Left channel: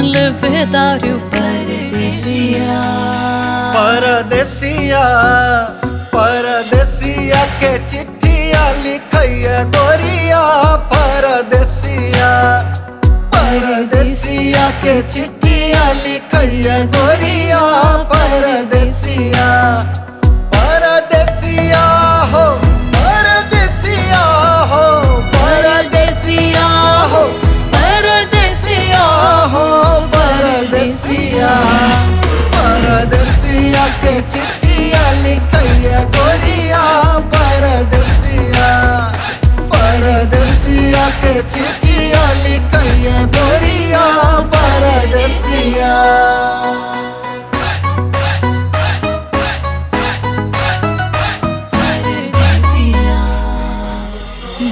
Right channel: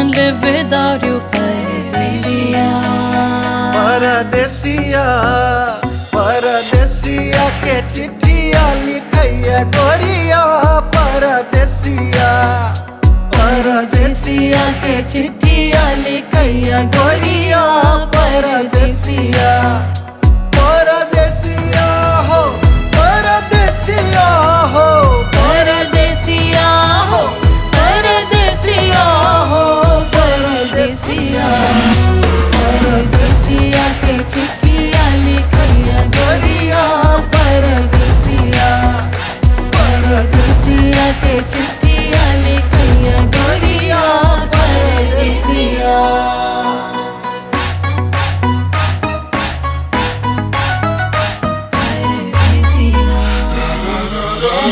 can't live without you, Paradesiya. परदेसिया परदेसिया के चिट्ठिया लिखैया गोरिया परदेसिया परदेसिया के चिट्ठिया लिखैया गोरिया परदेसिया परदेसिया हो परदेसिया हो Paradesiya, हो परदेसिया हो परदेसिया परदेसिया के चिट्ठिया लिखैया गोरिया परदेसिया परदेसिया के चिट्ठिया लिखैया गोरिया परदेसिया Paradesiya.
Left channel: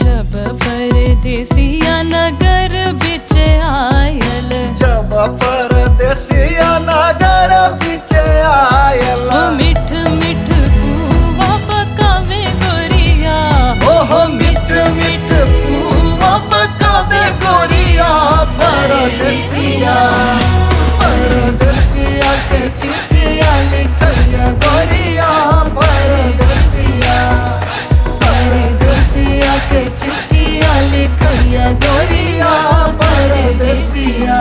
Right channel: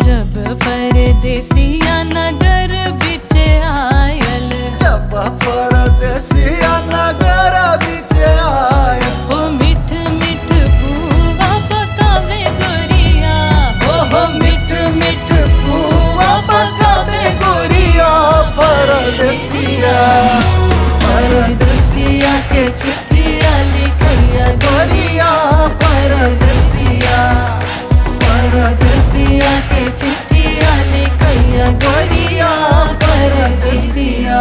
जब परदेसिया नगर बिच आयल, जब परदेसिया नगर बिच आयल ओ मिठ मिठ पूवा पकावे गोरिया, ओहो मिठ मिठ पूवा पकावे गोरिया परदेसिया परदेसिया के चिट्ठिया लिखैया गोरिया परदेसिया परदेसिया के चिट्ठिया लिखैया गोरिया परदेसिया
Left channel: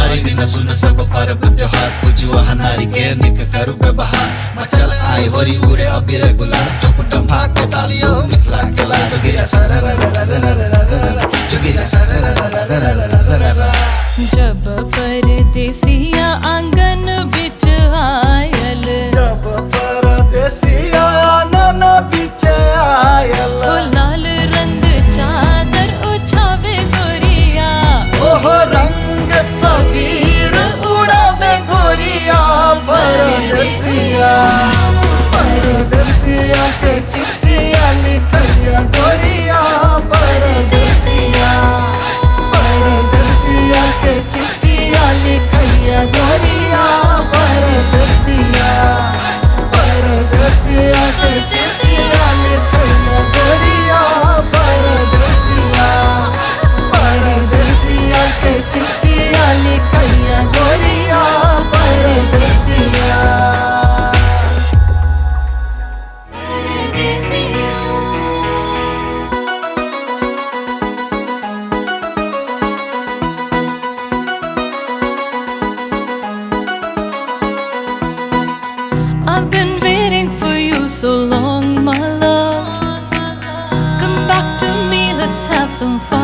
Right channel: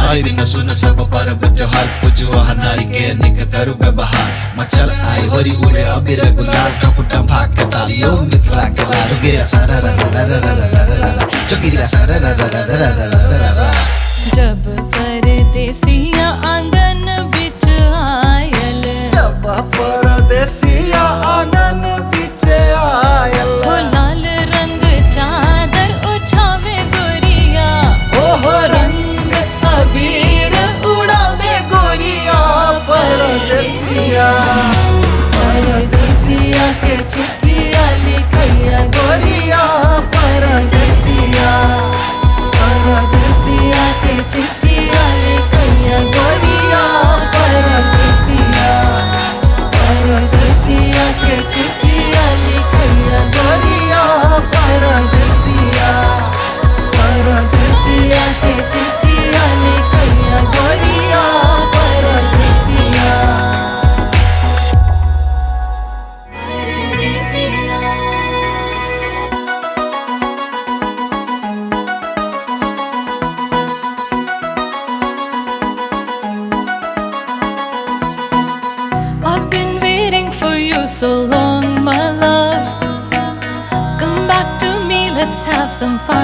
आई दिन सुन सब पर त्योहार पूजो हनारी के निक करू व्यवहार मचल आई होरी उड़े अबीर गुलाल टपटा भाग के तालियो मिथला कला जोगिरा सारा रा रा रा रा रा रा रा जोगिरा सारा रा रा रा रा रा रा रा जब परदेसिया आंगन बिच आयल, जब परदेसिया आंगन बिच आयल ओ लाल रंग चादर उछावे गोरिया, ओहो रंग अबीर उड़ावे गोरिया परदेसिया परदेसिया के चिट्ठिया लिखैया गोरिया परदेसिया परदेसिया के चिट्ठिया लिखैया गोरिया परदेसिया परदेसिया के चिट्ठिया लिखैया गोरिया परदेसिया परदेसिया के चिट्ठिया लिखैया गोरिया परदेसिया I've been waiting for you so long, my love. Come back to me, let's have some fun.